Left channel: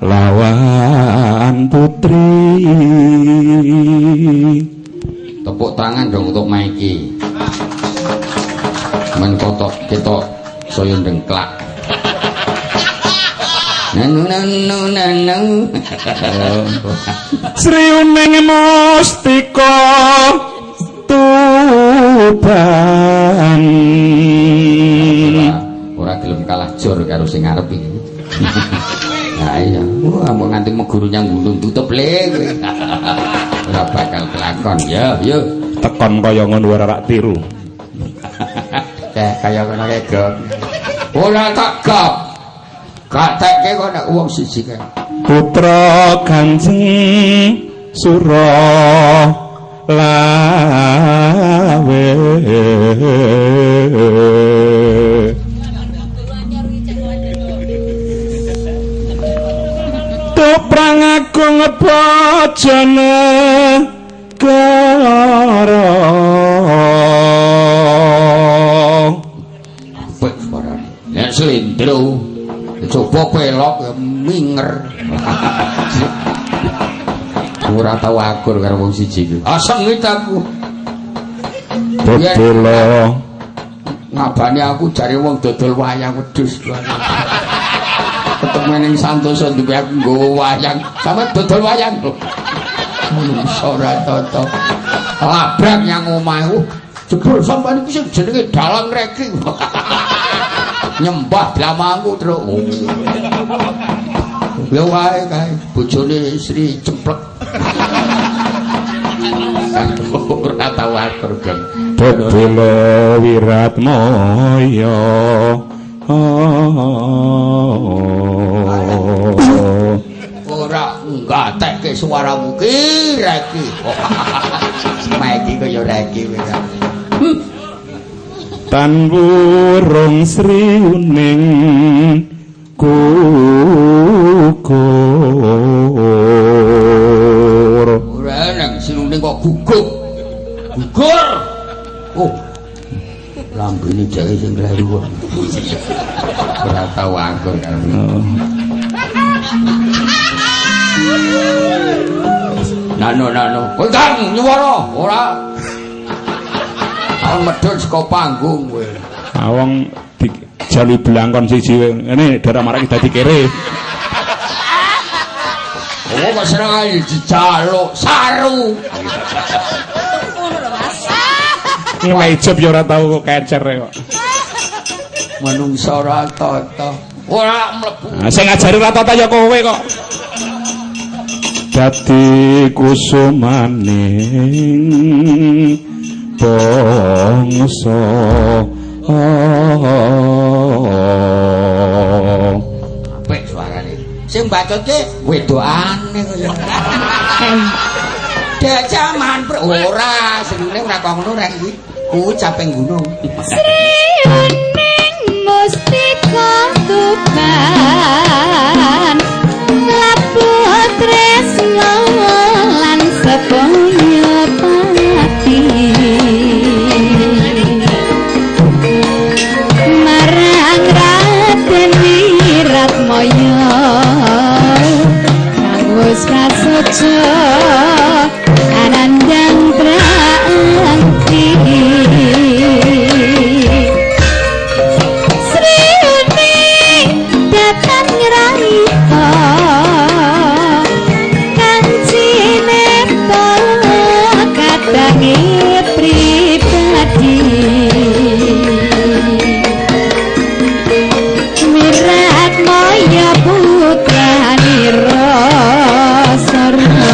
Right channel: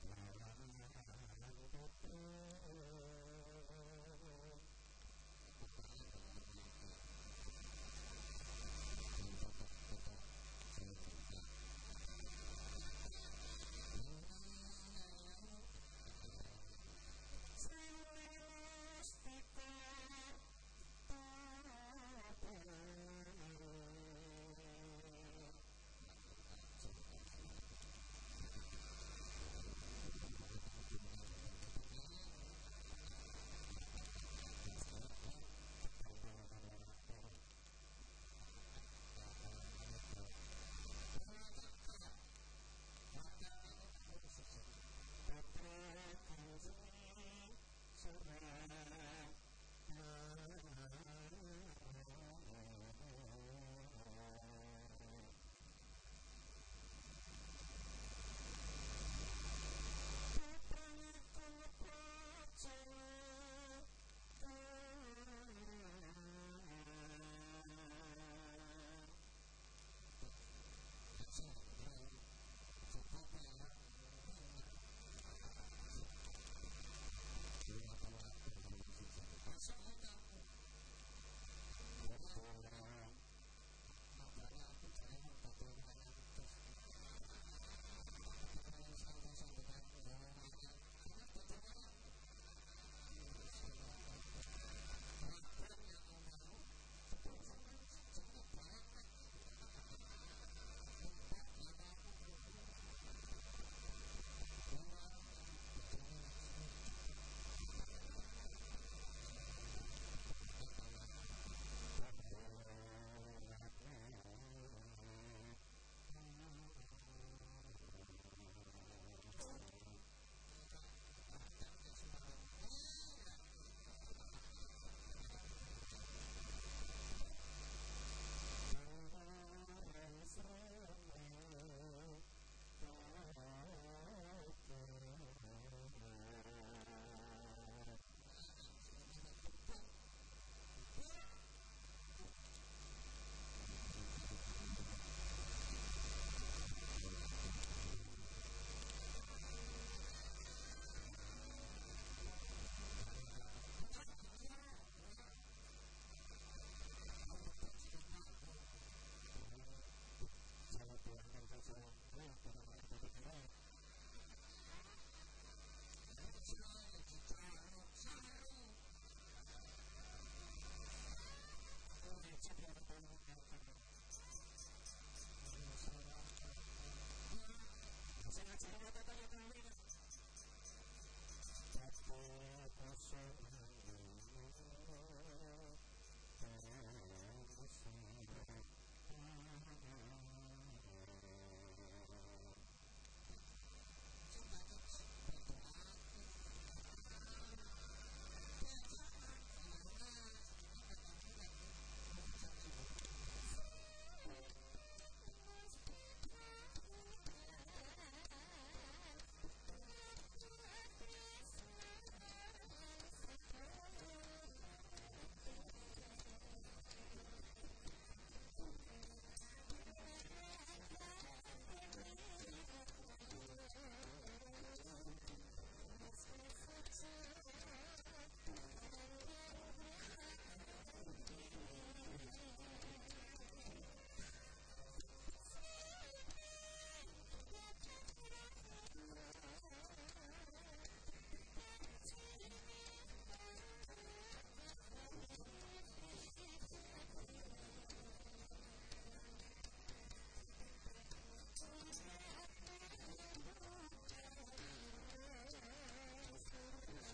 lawan putri. Tepuk tangan dong untuk Maiki. Men kotok kita saya ndengklak. Nanu. Sri Uning Mustika Tuban. Ora gelem kalah jor karo sing ngarep iki. Nah iya, mau nganti meguru nyang gunung tutup le kowe. Ora bakal kelakon ya, yo. Tekon kaya ngono ora rak tiru. Kaya ngono kae, Gok. Ora tak gap. Gak tekke kok nek wong siji kae. Putra Kanjeng Sura lawe. Toprang agung bojone karo apik suarane. Nek slendro coba pelok ya minger. Ora tau akur karo wong siji iki. Sengit aku. Dodol ngabani aku jare wong dodol wayang wedhus. Ketemu ning Santoso duwe aku nggawa wayang. Sampe dodol wayang lho. Ora toto. Labrak yang omahku. Jebul sampean iki sing jenenge dalang reki. Nyembah blamangku terus. Lha wae kae bojone Sri Cemplek. Ora tau atur, Geng. Dodol Wiratmaya. Ora ngatekke suaramu ki reki. Maiki kaya reki kowe. Tan burung Sri Uning gugur. Ora nang Sri Uning kok gugur. Gugur. Oh. Lambene dhewe sing kleru. Ora tau anggur karo. Nano. Kowe kang nyuwara ora. Awang medhun saka panggung kowe. Awang dijali blangkon siji ngene darah marak dadi kere. Oh, kok seneng ae dijaluk saru. Ngelejep ya ora tau kok kecer kok. Manungsa ora tata. Ora mlebu. Sing ngajari ora tata ya kowe kok. Dadi kusumaning bangsa apik suarane. Sing bacotke wedokane kaya. Dek jaman ora senenge ora kok ngono rek iki. Ku caping gunung. Sri Uning Mustika Tuban labu tresno lan seponya pati marang Raden Wiratmaya kang wis prasaja anandang prakti. Sri Uning datang ngraita kancine para kadange pribadi Wiratmaya putrane Rasarna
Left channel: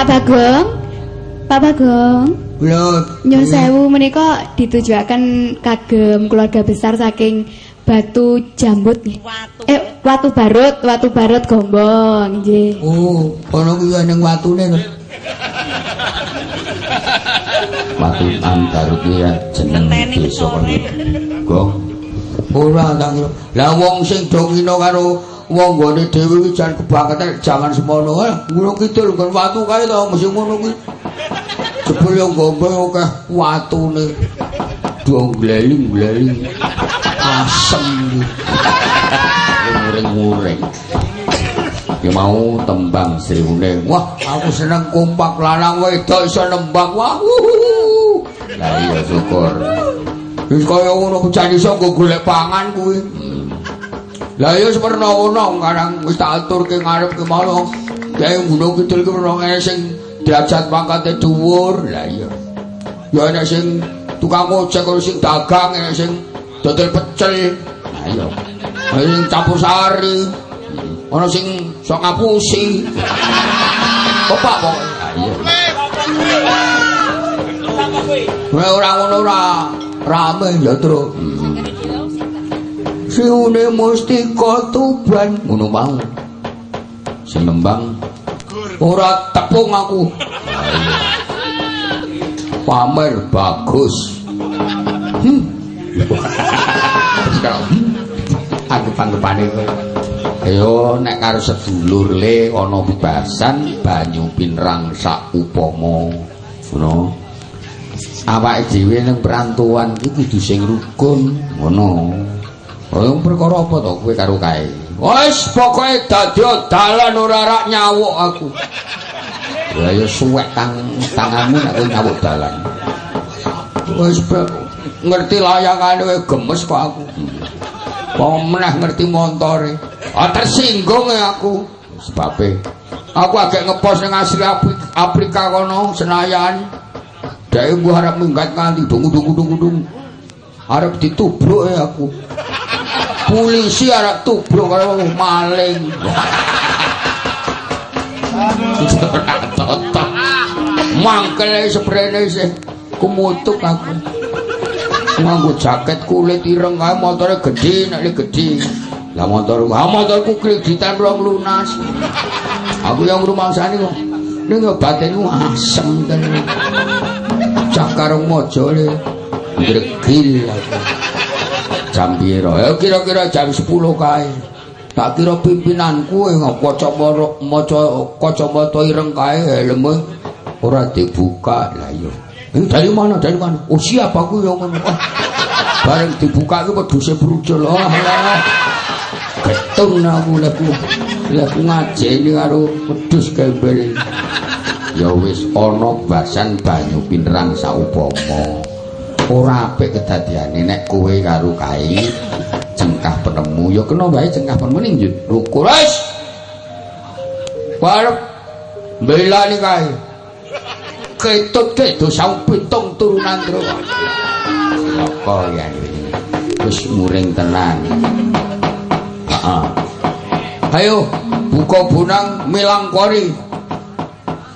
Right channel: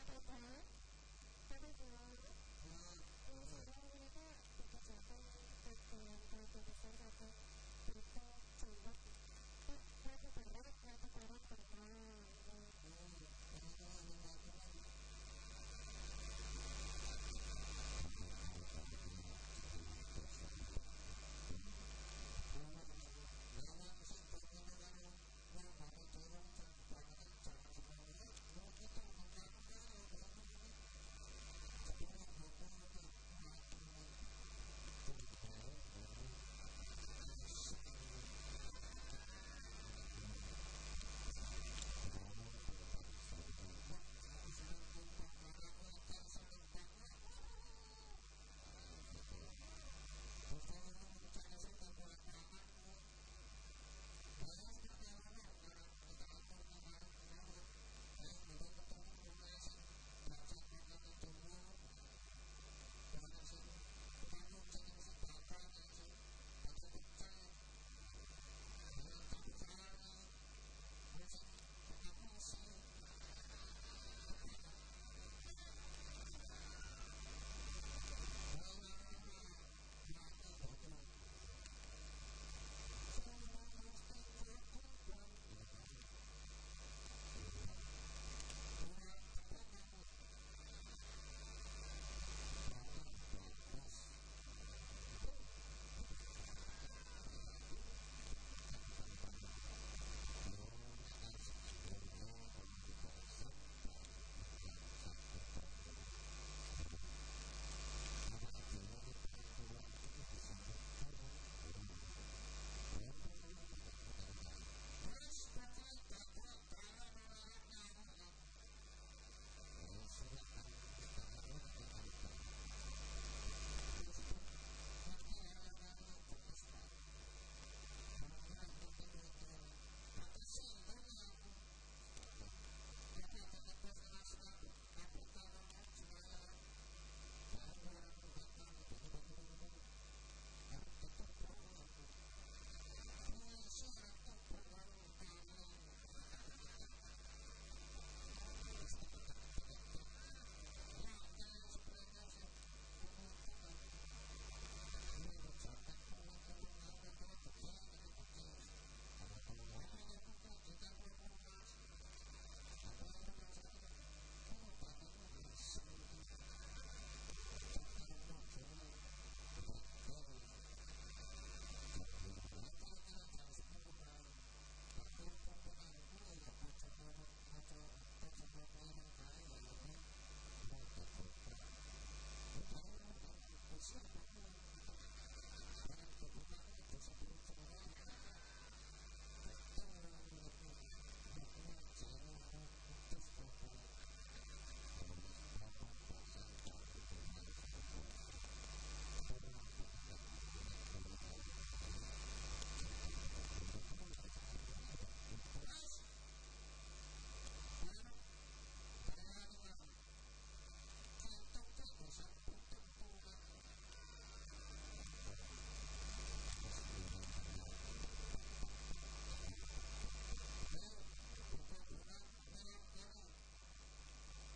Pak Bagong. Pak Bagong. Lho, Nyun sewu menika ditujuaken kagem keluarga besar saking Batu Jambut nggih. Watu Barut Gombong nggih. Oh, ana kuwi ning watune to. Watu Barut ya jeneng desa kono. Gong. Ora tak kira. Lah wong sing do ngino karo wong gone dhewe iki jan kebangetan jaman semono. Gunung Kidul nggon watu kae to mesti ngono kuwi. Jebul yo gombong akeh watune. Gleli-gleli. Asem. Muring-muring. Ya mau tembang sriwune. Wah, aku seneng kompak lanang wedok iso nembang. Wah. Lah iya syukur. Wis kaya ngono bocah iso nggo golek pangan kuwi. Lah ya seperna ngono karang wis tak aturke ngarep ke malah. Kae Gunung Kidul ki ora ana sing derajat pangkate dhuwur. Lah iya. Ya ana sing tukang ojek karo sing dagang, ana sing dodol pecel. Lah iya. Ana sing campur sari. Ana sing sok ngapusi. Opak pokoke. Lah iya. Ora ngono ora rame ya, Tru. Siune mustika tuban ngono mau. Sing nembang ora tepung aku. Pamer bagus. Anggep-anggepane kowe. Ayo nek karo sedulur le ana bebasan banyu pinrang sak upama. Ngono. Awake dhewe ning perantuan iki kudu sing rukun. Ngono. Oh, perkara apa to kowe karo kae? Wis pokoke dadi dalan ora rak nyawuk aku. Ya ya suwek tanganmu nek kowe nyawuk dalan. Wis ngerti layangane kowe gemes kok aku. Wong meneh ngerti montore. Tersinggung aku. Sebabe aku agek ngepos ning asli Afrika kono Senayan. Dhek mbuh arep minggat nganti dung-dung. Arep ditubruk aku. Polisi arep tubruk karo maling. Mangkele seprene isih kumutuk aku. Nganggo jaket kulit ireng kae motore gedhe nek gedhe. Lah motorku kreditan rong lunas. Aku yang rumangsani kok. Ning batinku asem tenan. Cak karo mojo le gregil aku. Jam piro? Ya kira-kira jam 10 kae. Tak kira pimpinanku maca kacamata ireng kae helme ora dibuka. Lah iya. Ini dari mana? Oh siapa aku yang ngono. Bareng dibuka iki peduse brujul. Getun aku leku ngajeni karo wedhus gembel. Ya wis ana basan banyu pinrang saupama. Ora apik kedadiane nek kowe karo kae cengkah penemu ya kena wae cengkah penemu ning rukun wis. Barep belani kae. Ketut dosa pitung turunan terus. Apa ya iki? Wis muring tenan. Heeh. Ayo buka bunang milangkori.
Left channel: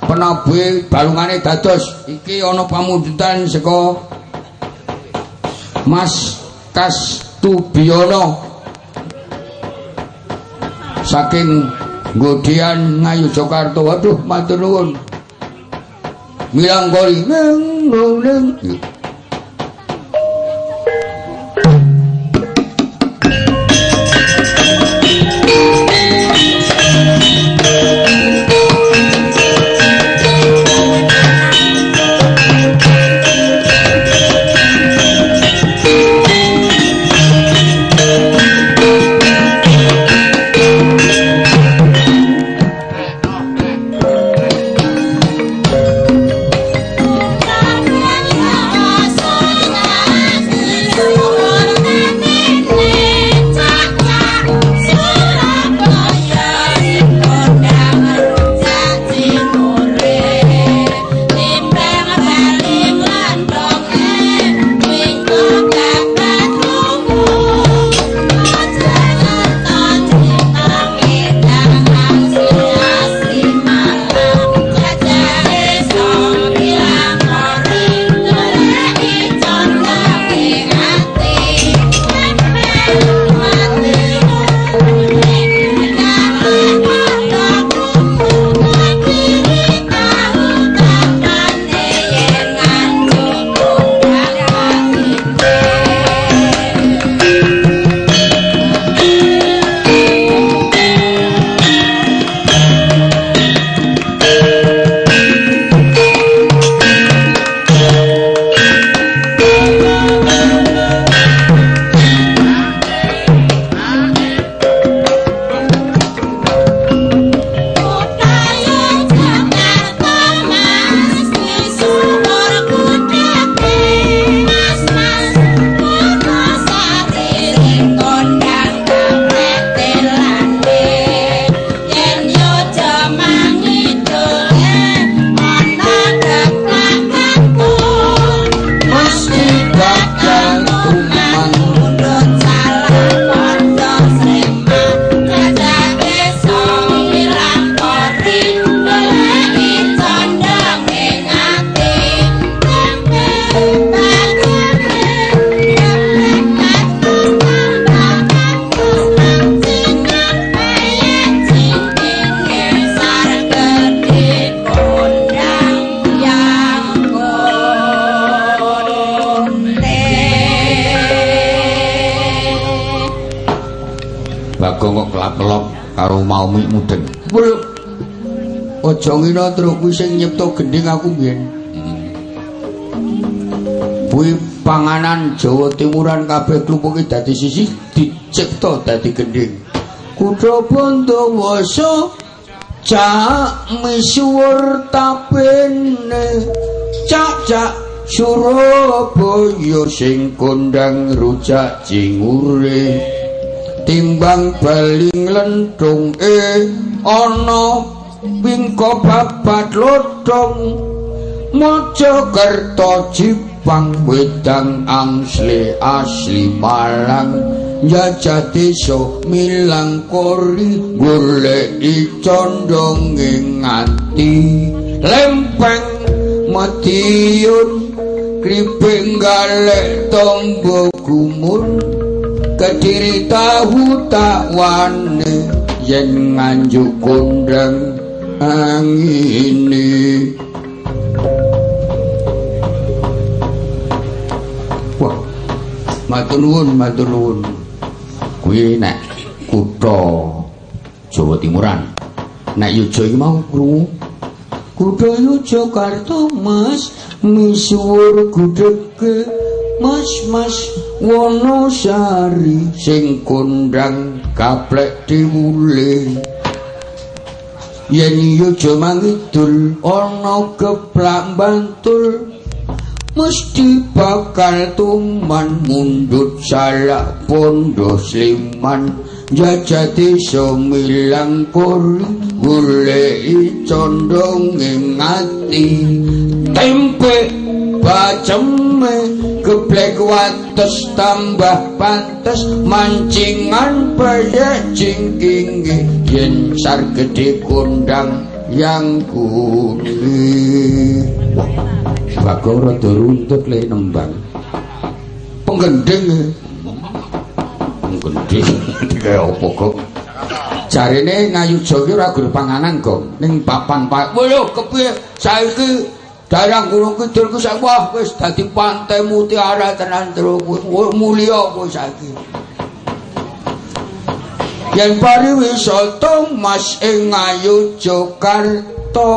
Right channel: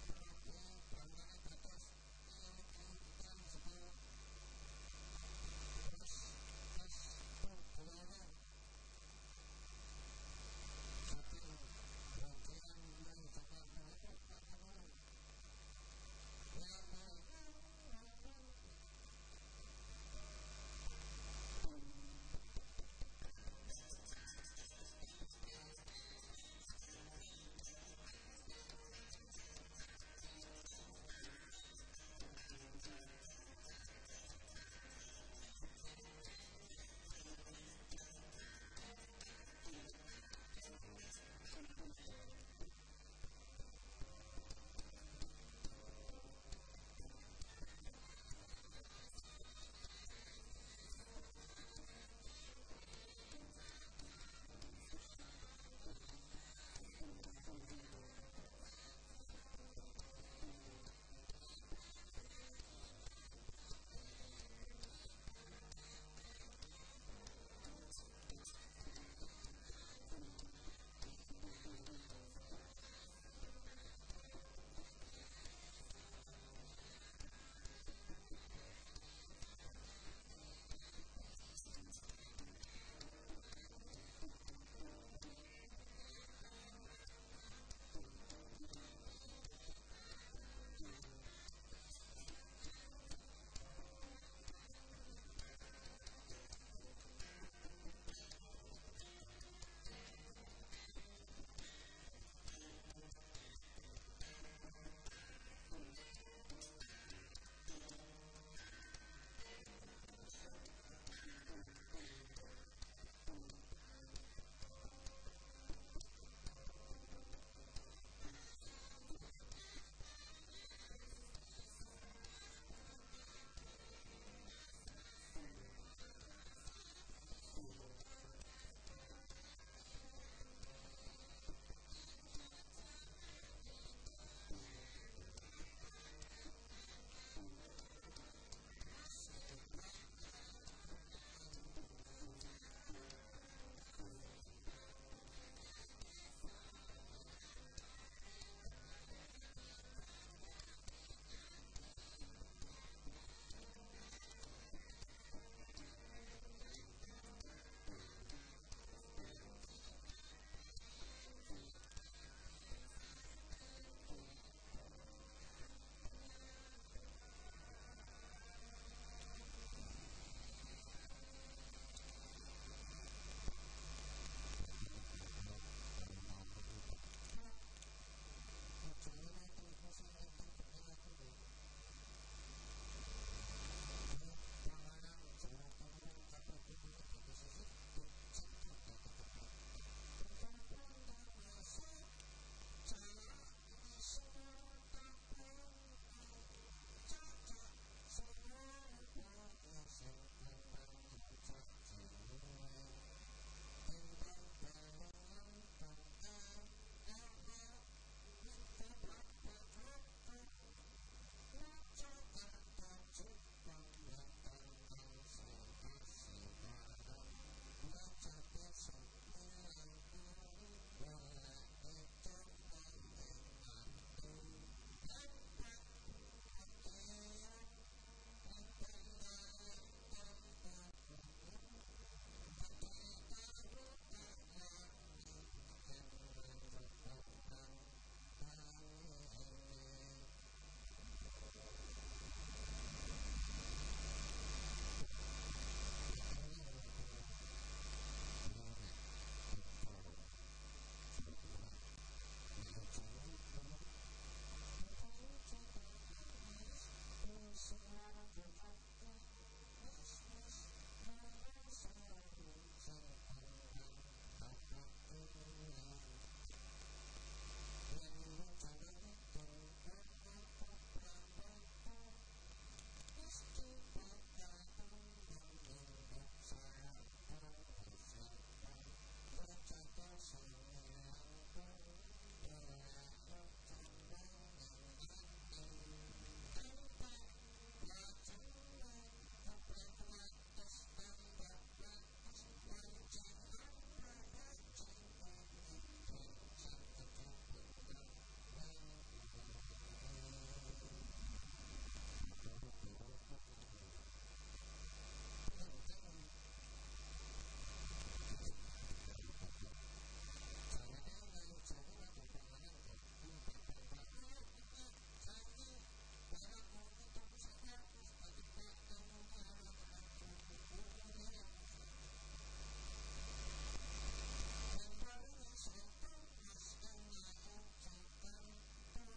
Penabuhe balungane dados. Iki ana pamundutan saka Mas Kastubiono saking Ngodian Ngayu Jakarta. Waduh matur nuwun. Milangkori neng. Bagong kok kelap-kelop karo mau mudeng. Lho. Aja ngira terus kuwi sing nyipta gending aku biyen. Kuwi panganan Jawa Timuran kabeh klumpuke dadi sisih dicipta dadi gending. Kutha Bantawasa cak misuwur tapene cak Surabaya sing kondang rujak jingure timbang baling lenthung ana wingko babat lodong Mojokerto Jipang wedang asli Malang njajah desa milang kori goleki condonge nganti lempeng Madiun kriping galek tombo gumun Kediri tahu tak wane yen nganjuk kondang angini. Wah, matur nuwun. Kuwi nek kutha Jawa Timuran. Nek Yojo iki mau krungu. Kutha Yogyakarta Mas misuwur gudhege Mas Wonosari sing kondang gaplek diwule. Yen Yojo mangidul ana keplak Bantul mesti bakal tuman mundut salak pondo Sliman jajah desa milang kori goleki condonge ngati tempe baceme geblek wates tambah pantes mancingan payah jingkinge yen sar gede kondang yang kuning. Bagong rada runtut le nembang. Penggending. Kaya apa kok? Jarene Ngayuja ki ora gur panganan kok. Ning papan Pak. Lho kepiye saiki daerah Gunung Kidul ku sak wah wis dadi pantai mutiara tenan terus mulya kowe saiki. Yen pariwisata Mas ing Ngayogyakarta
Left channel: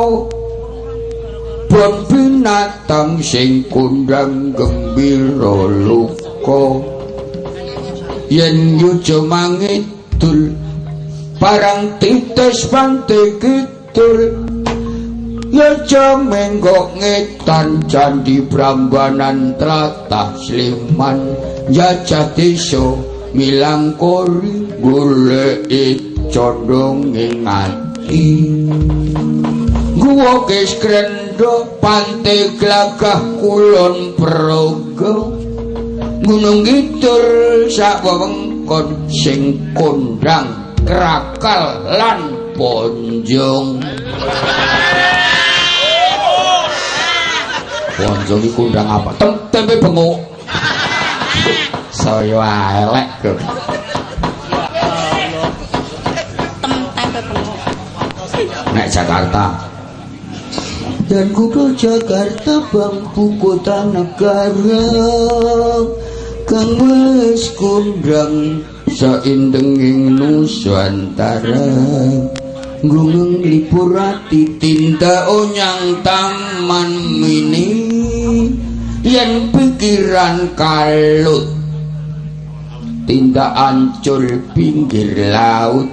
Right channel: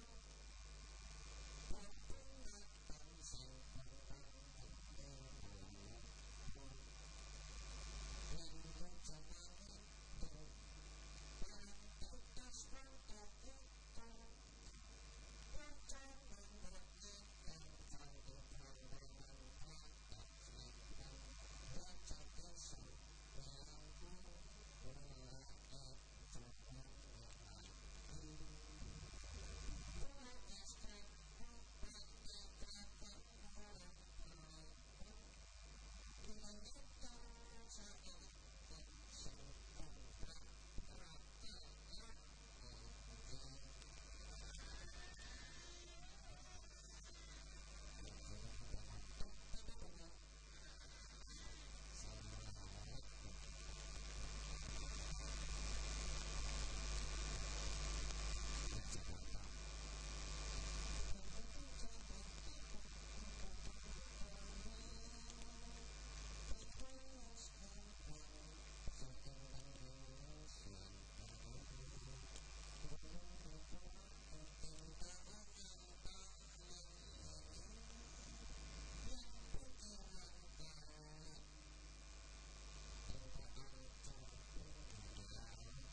bon binatang sing kondang gembira luka yen Yojo mangidul parang titis pantai kidul Yojo menggok ngetan candi Prambanan tlatah Sliman jajah desa milang kori goleki condonge ngati guwa kes krendho pantai Glagah Kulon Progo Gunung Kidul sak wewengkon sing kondang krakal lan ponjong. Ponjong iki kondang apa? Tempe bengok. Saya elek kok. Tempe bengok. Nek Jakarta dan kutha Jakarta bangku kota negara kang wis kondang saindenging Nusantara gunung lipur ati tindak onyang taman mini yen pikiran kalut tindak ancul pinggir laut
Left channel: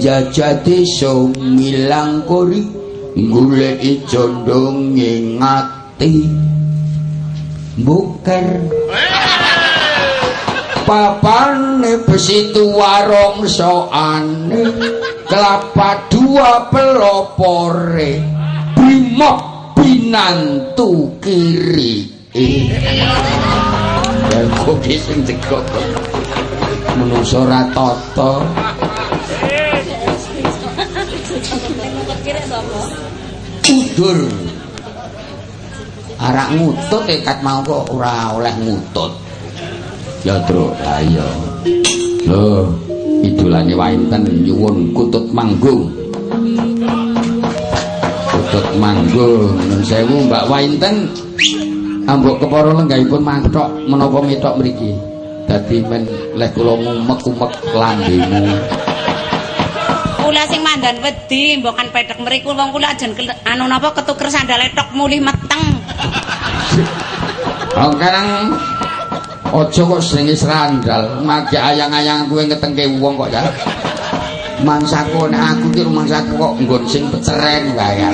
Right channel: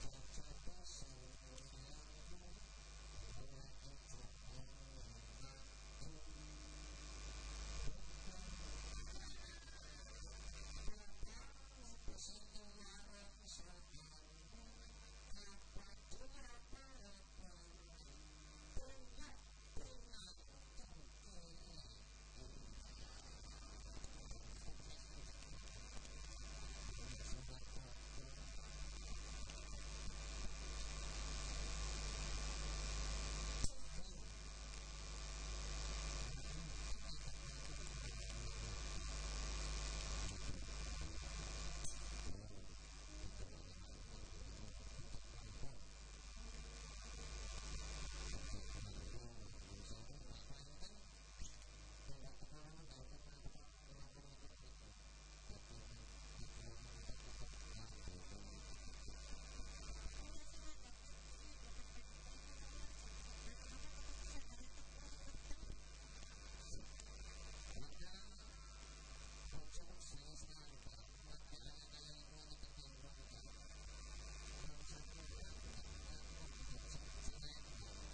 jajah desa milang kori goleki condonge ngati buker papane besitu warung soane kelapa dua pelopore brimop binantu kiri dan kopi sing jegok menungso ra tata udur arak ngutut kat mau kok ora oleh ngutut ya Tru lah iya lho idolane Wainten nyuwun kutut manggung nun sewu Mbak Wainten ambok kepara lenggahipun mathok menapa metok mriki dadi men leh kula ngumek-umek lambemu mandan wedi mbok kan pedhek mriku wong kula ajen anu napa ketuker sandale tok mulih meteng. Oh karang aja kok senenge sandal, mage ayang-ayang kowe ngetengke wong kok ya. Mangsaku nek aku ki rumangsaku kok nggon sing beceren wae.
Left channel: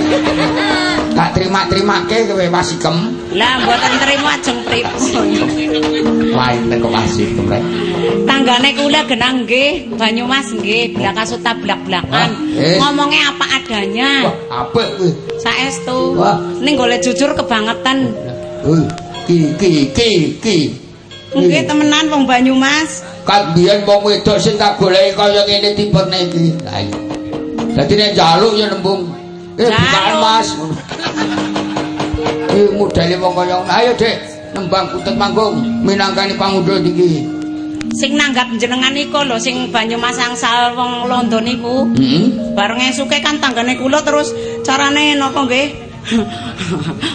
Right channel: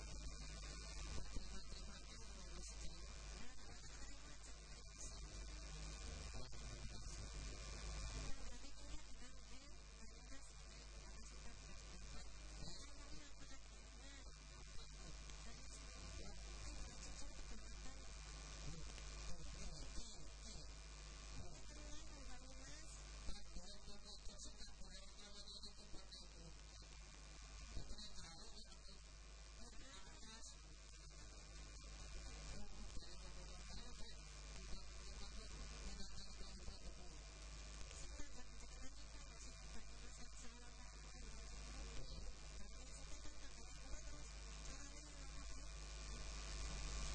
Tak terima-terimake kowe wasikem. Lah mboten terima ajeng pripun. Wainten kok wasikem rek. Tanggane kula genang nggih, Banyumas nggih, blakas blak-blakan. Ngomongnya apa adanya. Wah, apik kuwi. Saestu. Ning golek jujur kebangetan. Ki. Nggih temenan wong Banyumas. Kan biyen wong wedok sing tak goleki kaya ngene tipene iki. Lah iya. Dadi nek njaluk ya nembung. Bukaan Mas. Modele wong kaya ngono. Ayo, Dik, nembang kutut manggung minangkani pangundhut iki. Sing nanggap jenengan iku lho sing Banyumas angsal wong Londo niku. Bareng esuke kan tanggane kula terus carane napa nggih?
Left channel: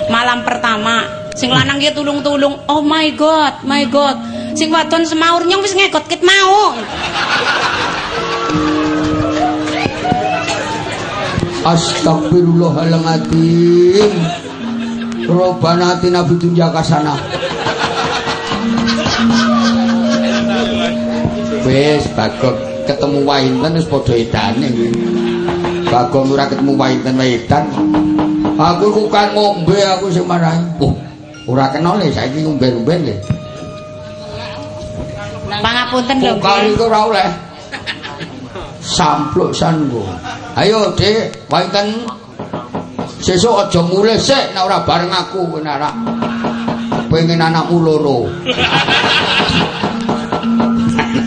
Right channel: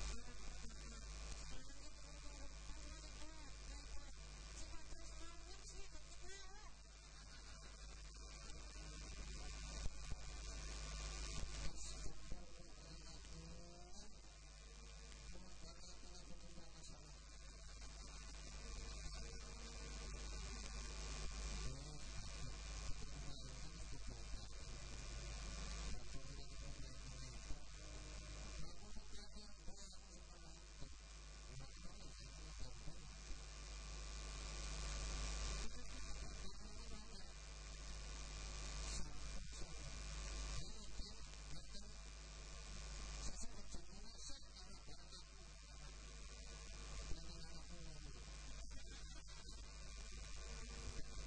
Malam pertama sing lanang ki tulung-tulung. Oh my god. Sing wadon semaur nyong wis ngegot kit mau. Astagfirullahaladzim. Robana atina bidunya kasana. Wis Bagong ketemu wainten wis padha edane. Bagong ora ketemu wainten edan. Aku iku kan ngombe aku sing marahi. Oh, ora kenal le saiki ngombe-ngombe le. Pangapunten lho. Kali iku ora oleh. Sampluk sango. Ayo, Dik, wainten sesuk aja mulih sik nek ora bareng aku kowe anak. Pengen anakmu loro.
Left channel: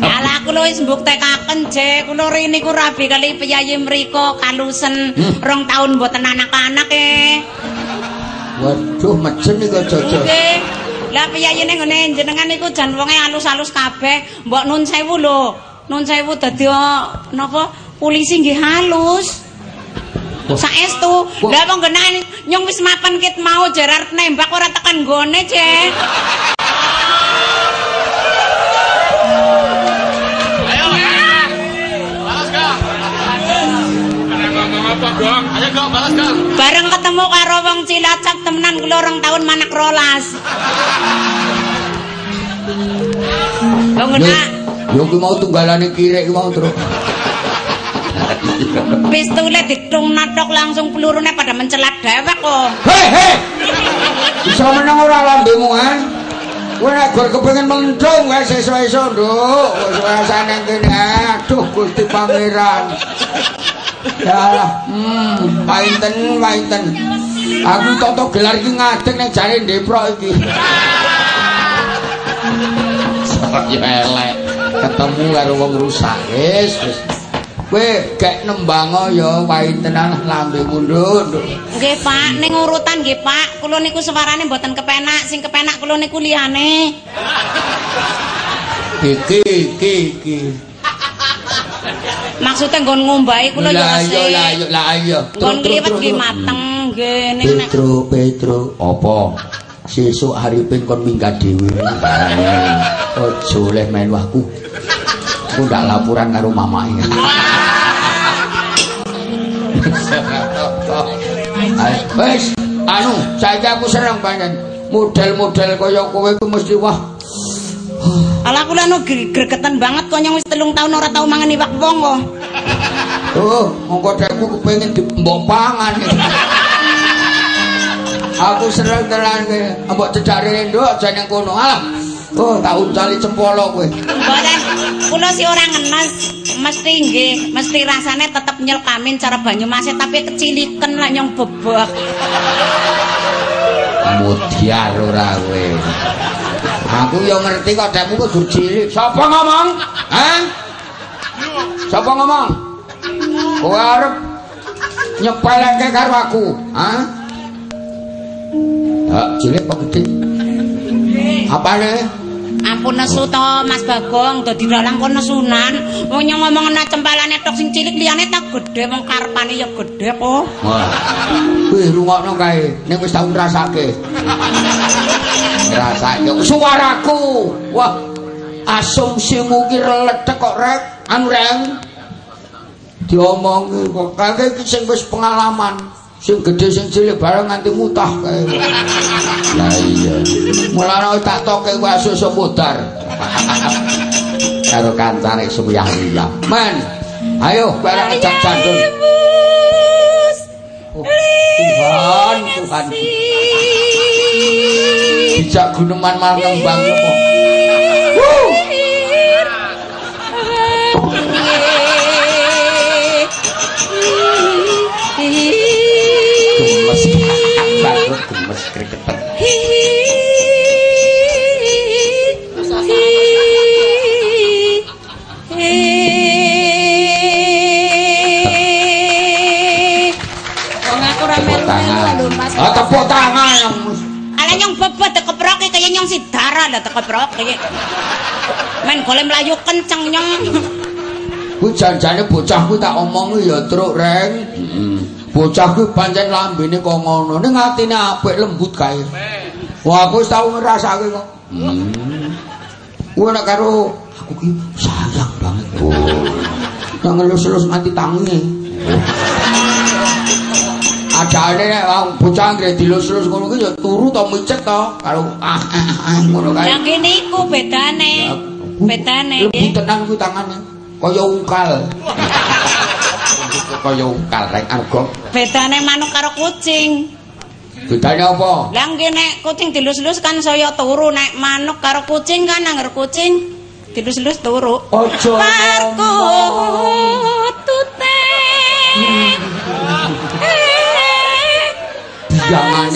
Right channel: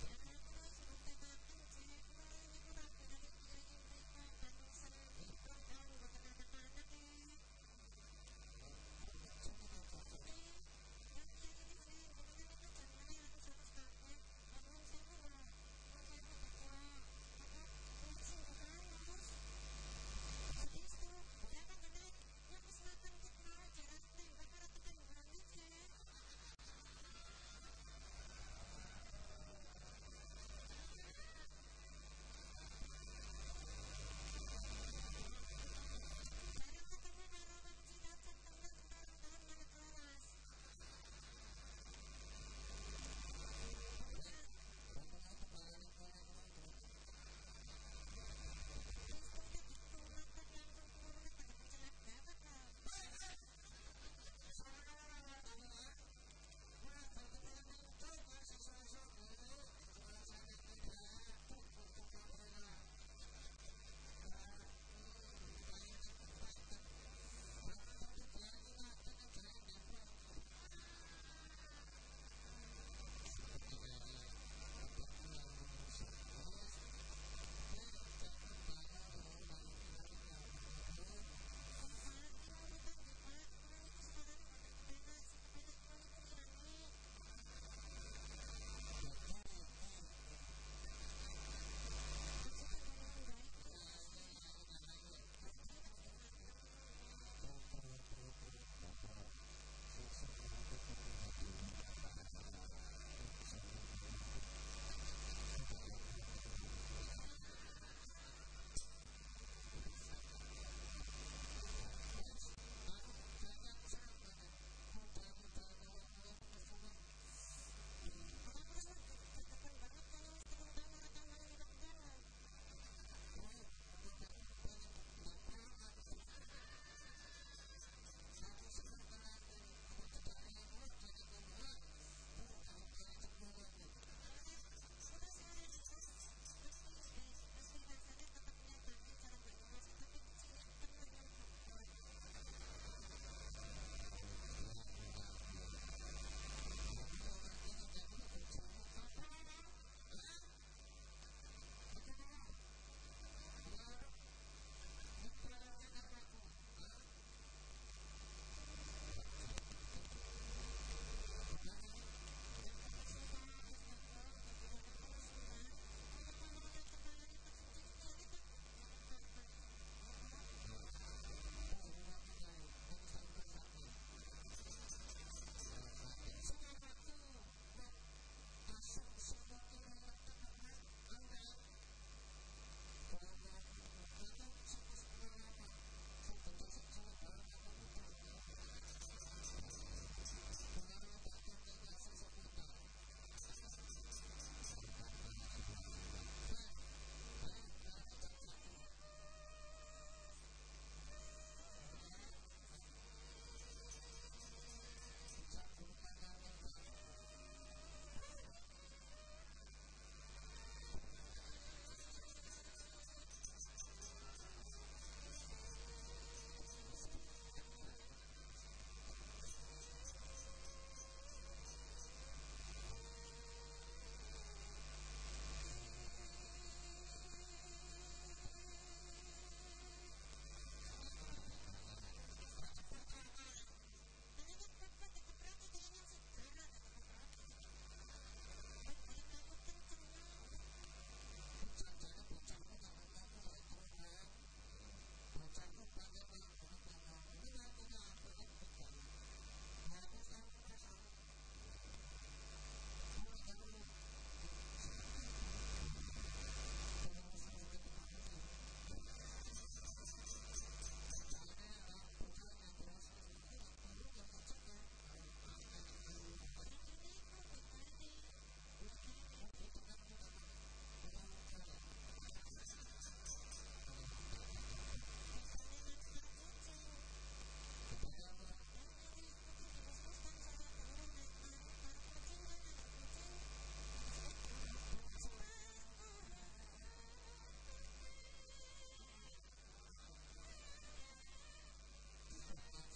Ala kula wis mbuktekaken Je, kula rene niku rabi kali piyayi mriko kalusen 2 taun mboten anak-anak Waduh, mejen iki aja-aja. Nggih. Lah piyayine ngene jenengan niku jan wonge alus-alus kabeh, mbok nun sewu lho. Nun sewu dadi napa polisi nggih halus. Saestu. Lah wong genah nyong wis mapan kit mau Gerard nembak ora tekan nggone, Je. Ayo Gong, balas Gong. Bareng ketemu karo wong Cilacap temenan kula 2 tahun manak rolas. Wong enak. Yo ki mau tunggalane kirek mau terus. Pistule ditung natok langsung pelurune pada mencelat dhewek kok. He. Bisa menang ora lambemu kan? Kowe nek gor kepengin mendung wae sesuk-esuk, Nduk. Wis rasane kene. Aduh, Gusti Pangeran. Ya Allah, wainten. Aku toto gelar iki ngadeg ning jare Ndeprok iki. Ya elek, ketemu karo wong rusak. Wis. Kowe gek nembango ya waintenan lambe mundhut. Nggih, Pak, ning urutan nggih, Pak. Kula niku suarane mboten kepenak, sing kepenak kula niku liyane. Iki. Maksudnya nggon ngombahi kula ya resik. Lah iya. Nggon kliwet nggih mateng nggih ning nek Petro. Apa? Sesuk haripin kon minggat dhewe. Aja oleh main wahku. Aku ndak laporan karo mamake. Wes, saiki aku seneng pancen. Model-model kaya kowe iku mesti wah. Ala kula no gregetan banget kok nyong wis 3 tahun ora tau mangan iwak wong kok. Oh, mongko dekku kepengin mbok pangan. Aku seneng tenan kowe. Mbok cedhake nduk aja nang kono. Ah. Oh, tak uncali cempolo kowe. Mboten, kula sih ora ngenes. Mesti nggih, mesti rasane tetep nyelkamin cara Banyumas tapi keciliken lah nyong bebek. Mudiar ora kowe. Aku ya ngerti kok dekmu kudu cilik. Sapa ngomong? Hah? Sapa ngomong? Kowe arep nyepeleke karo aku, hah? Hak cilik apa gede? Apane? Ampun nesu to Mas Bagong, dadi dalang kon nesunan. Wong nyong ngomong ana cempalane tok sing cilik liyane tak gedhe wong karepane ya gedhe kok. Wah. Kuwi rungokno kae, ning wis tau ngrasake. Ngrasake suaraku. Wah. Asumsimu ki reledek kok rek, anu reng. diomongi kok kakek iki sing wis pengalaman. Sing gedhe sing cilik bareng nganti mutah kae. Lah iya. Mulane tak toke kuwi asus mudar. Karo kancane suyang-uyang. Men, ayo bareng ngejak jandul. Tuhan, Tuhan. Dijak guneman malah nembang apa? Gemes kriketan. Tepuk tangan. Ala nyong bebet keproke kaya nyong sidara lah keproke. Men golem mlayu kenceng nyong. Kuwi janjane bocah kuwi tak omongi ya truk reng. Bocah kuwi pancen lambene kok ngono, ning atine apik lembut kae. Wah aku wis tau ngrasake kok. Kuwi nek karo aku ki sayang banget. Nang ngelus-elus nganti tangi. Adane nek bocah anggere dilus-elus ngono ki ya turu to micet to karo ngono kae. Lah kene iku bedane. Bedane nggih. Tenan kuwi tangane kaya ungkal. Kaya ungkal rek argo. Bedane manuk karo kucing. Bedane apa? Lah nggih nek kucing dilus-elus kan saya turu, nek manuk karo kucing kan angger kucing dilus-elus turu. Aja tute. Jangan